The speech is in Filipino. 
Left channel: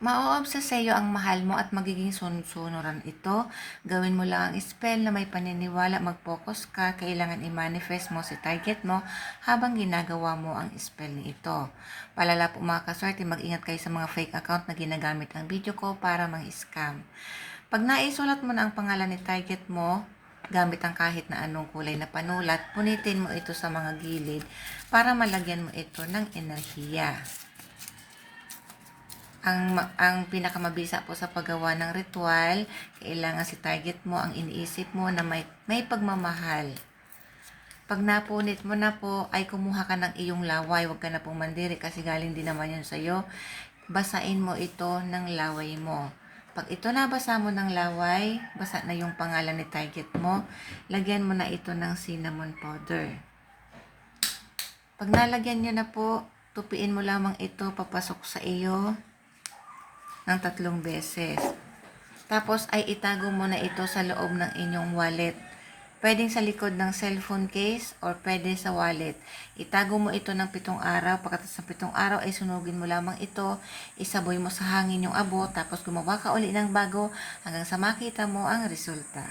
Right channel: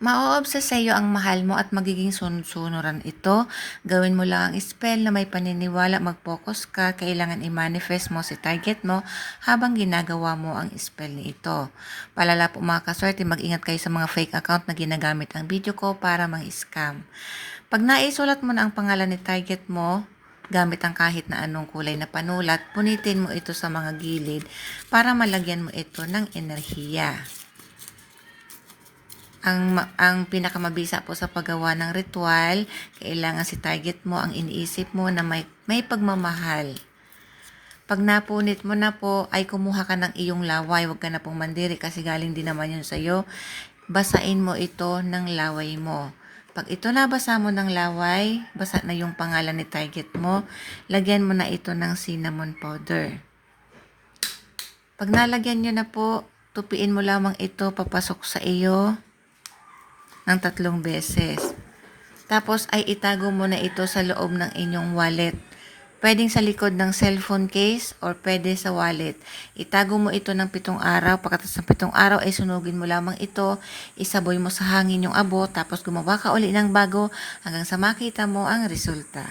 Ma-o-obsess sa'yo ang mahal mo at magiging sunod-sunuran ito. Gawin mo lang ang spell na may paniniwala, mag-focus ka, kailangan i-manifest mo si target mo habang ginagawa mo ang spell ni ito. Palala po mga kaswerte, mag-ingat kayo sa mga fake account na ginagamit ang video ko para mang-scam. Pag naisulat mo na ang pangalan ni target mo, gamit ang kahit na anong kulay na panulat, punitin mo ito sa mga gilid para malagyan mo ito ng enerhiya. Ang pinakamabisa po sa paggawa ng ritual, kailangan si target mo ang iniisip mo na may pagmamahal. Pag napunit mo na po, ay kumuha ka ng iyong laway. Huwag ka na pong mandiri kasi galing din naman yun sa'yo. Basain mo ito ng laway mo. Pag ito nabasa mo ng laway, basa na yung pangalan ni target mo, lagyan mo na ito ng cinnamon powder. Pag nalagyan nyo na po, tupiin mo lamang ito papasok sa iyo ng 3 beses. Tapos ay itago mo na ito sa loob ng inyong wallet. Pwedeng sa likod ng cellphone case or pwede sa wallet. Itago mo ito ng 7 araw. Pagkatapos ng 7 araw ay sunugin mo lamang ito. Isaboy mo sa hangin yung abo. Tapos gumawa ka uli ng bago hanggang sa makita mo ang resulta.